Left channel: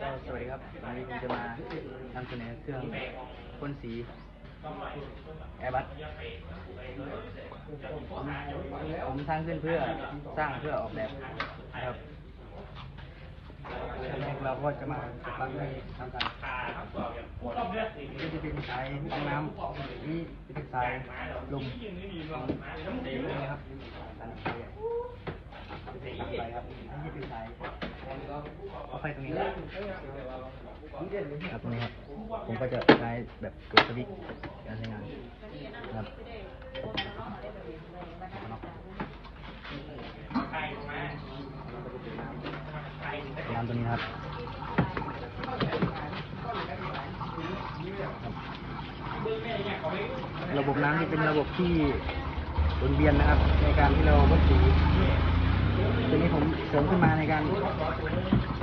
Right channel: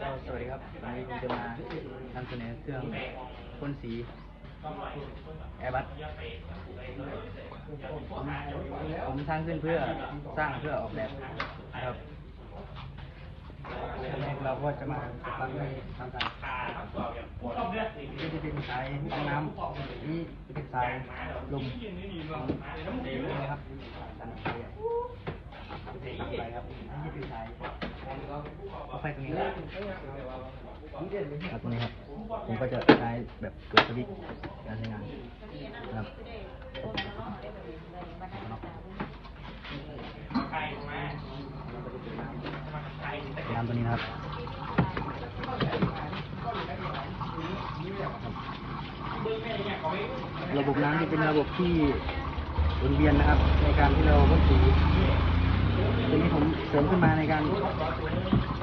ก็สวัสดีครับวันนี้ผมจะมานำเสนอเครื่องพ่นสีแอร์บัสผมสร้างขึ้นเพื่อสร้างเพื่อออกแบบนะครับเราก็จะมาติดตั้งในทางการนี่จะเป็นสายน้ำนี่จะเป็นสายลมนะครับอันนี้ไปครับอันนี้เป็นสายเอา ไฟตรงนี้ครับตรงนี้ครับ ผมก็จะใช้แบบตัวสวิตช์การใช้งานนะครับน้ำตัวนี้นะครับระบบน้ำที่เป็นระบบที่หมุนเวียนนะครับ ในการที่เราวัดสีตัวนี้ผมเสริมขึ้นมาในการ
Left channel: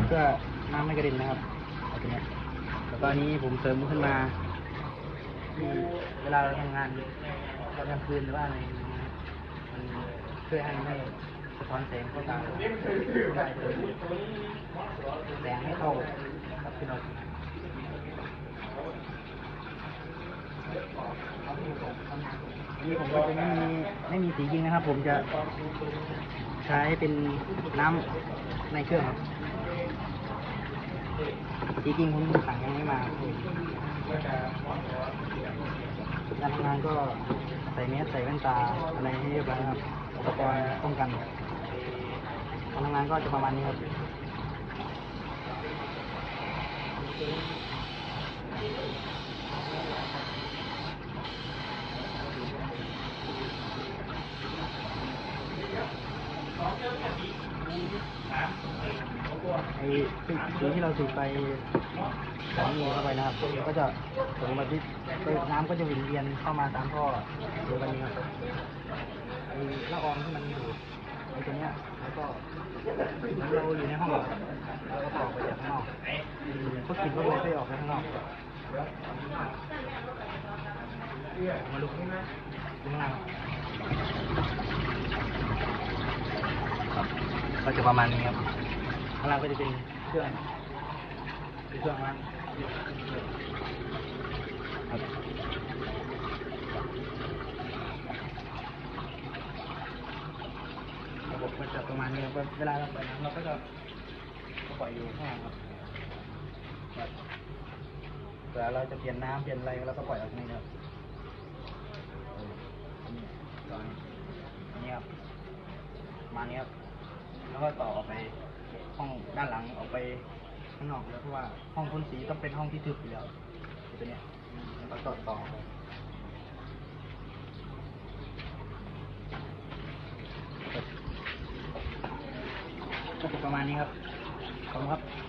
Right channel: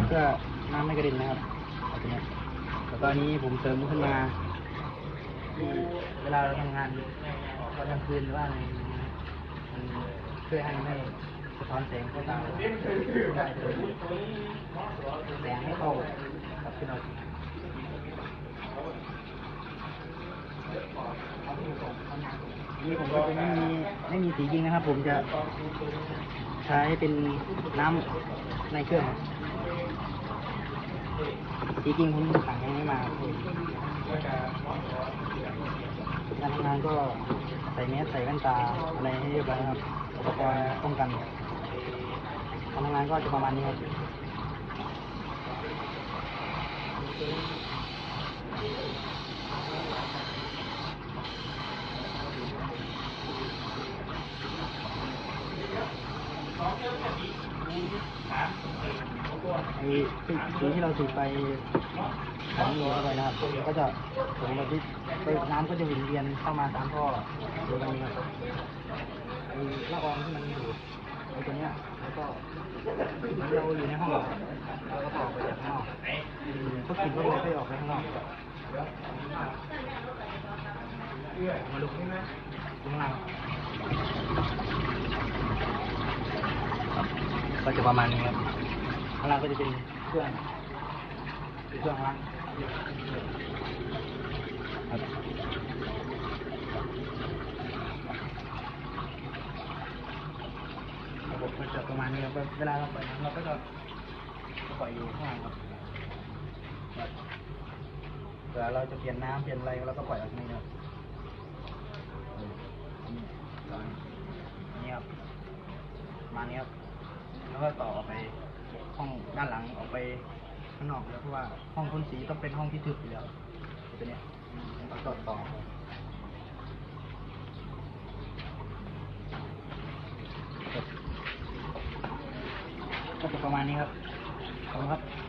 เพื่อน้ำไม่กระเด็นนะครับ ตอนนี้ผมเสริมขึ้นมา เวลาเราทำงานตอนกลางคืนหรือว่าอะไรเงี้ยมันช่วยให้ไม่สะท้อนแสงเข้าตาได้แสงไม่เข้าขึ้นมานี่ผมก็จะไม่มีไม่มีสีจริงนะครับ ผมจะใช้เป็นน้ำในเครื่องครับ จริงผมสั่งให้ไม่มาเลยน้ำงานก็ใส่เนี้ยใส่แว่นตาอะไรให้เรียบร้อยครับอุปกรณ์ป้องกันทำงานก็จะประมาณนี้ ครับไอ้สีที่เราสูบไปถังโลเข้าไปนะครับก็จะผมมาที่ไปน้ำก็จะหมุนเวียนเข้ามาตามท่อตัวนี้ครับไอ้ละอองที่มันอยู่ไอ้ตัวเนี้แล้วก็เราอยู่ในห้องเราก็ต่อไปจากข้างนอกก็กินไม่ได้ออกไปข้างนอกข้างล่าง ก็จะประมาณนี้ครับข้างล่างก็จะเป็นเครื่องเป็นเครื่องล้างครับระบบก็จะประมาณนี้ครับเวลาเราปล่อยน้ำเราก็จะปล่อยอยู่ข้างล่างครับครับเวลาเราจะเปลี่ยนน้ำเปลี่ยนอะไรเราก็ปล่อยออกนี่ครับเออนี่ตอนนี้ครับประมาณนี้ครับ แล้ว ก็ต่อออกไปห้องด้านหลังออกไปข้างนอกแล้วเพราะว่าห้องพ่นสีต้องเป็นห้องที่ทึบอยู่แล้วตัวเนี้ยมันก็ต่อต่อก็จะประมาณนี้ครับขอบคุณครับ